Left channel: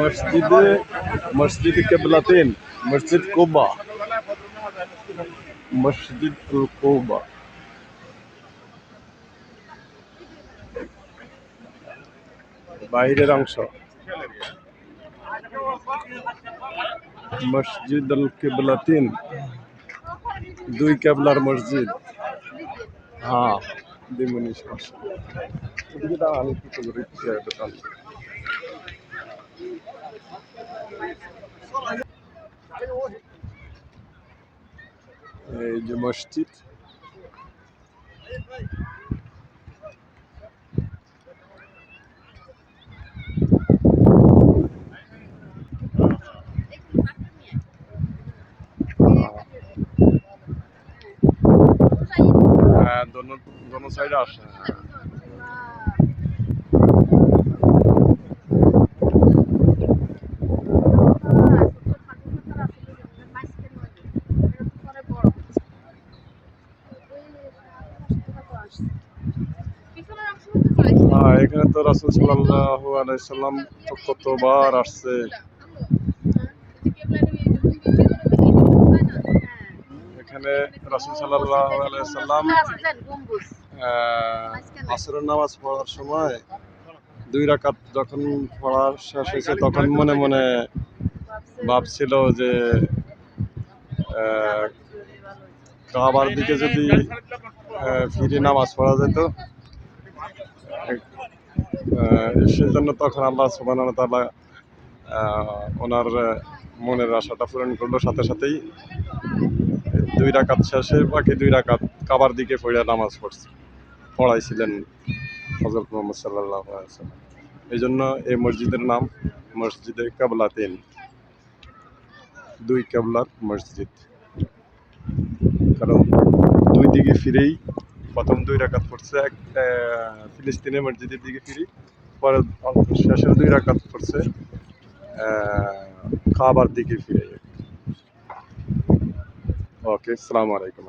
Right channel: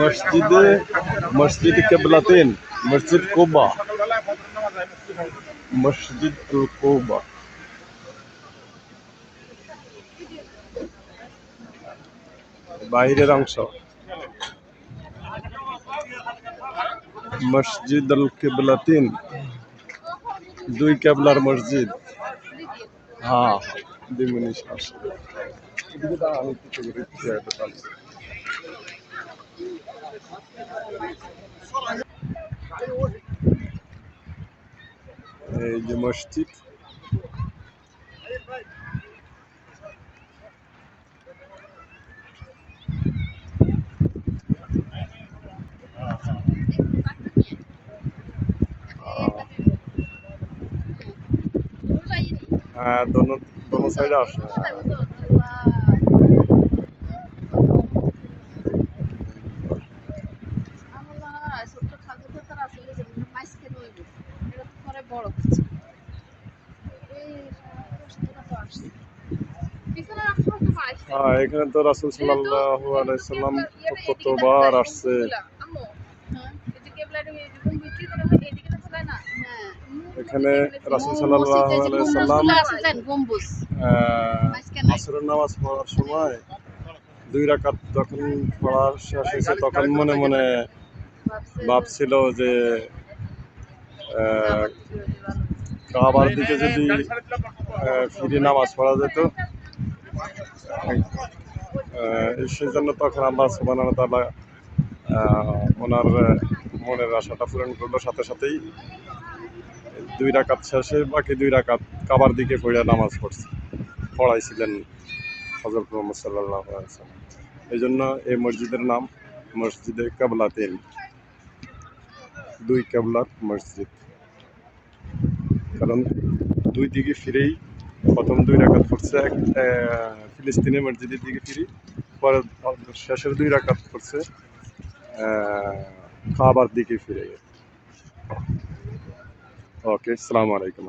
মসজিদে মসজিদ কেবলাতেন, মসজিদ কুবা, মসজিদ আল কুবা। বাহিরের অংশ মসজিদ আল কেবলাতিন, দুই কেবলার মসজিদ। হ্যাঁ, দিমুনি সমস্যা। এদিকে দাও, আমি কিছু করে চেয়ারটা টানছি। এই যে মসজিদ, হ্যাঁ, দোনো সাইডে আসে। হ্যাঁ, এখানে তো রাসূল সাল্লাল্লাহু আলাইহি সাল্লাম তো কতবার আসছে। এখানে রাসূল সাল্লাল্লাহু আলাইহি সাল্লাম আসরের নামাজ পড়ার সময় 2 রাকাত যখন পড়া শেষ হয়েছে তখন মনে মনে ভাবছিল যে কাবার দিকে যদি ফিরে নামাজ পড়া যেত, সেই জন্য তখন আল্লাহ সুবহানাহু ওয়া তাআলা ওনার মনের আশাটা পূরণ করলো। সাথে সাথেই 2 রাকাত শেষে বাকি 2 রাকাত কাবার দিকে পড়ে নামাজ পড়াইছিলেন হযরত মুহাম্মদ সাল্লাল্লাহু আলাইহি ওয়াসাল্লাম। এই জন্য এই মসজিদের নাম মসজিদে কেবলাতেন, 2 কেবলার মসজিদ। কারণ 2 দিকে ফিরেই প্রথম 2 রাকাত পড়ছে ফিলিস্তিনের মসজিদের দিকে ফিরে, পরে শেষের 2 রাকাত পড়ছে কাবার দিকে ফিরে। ওকে, আসসালামু আলাইকুম।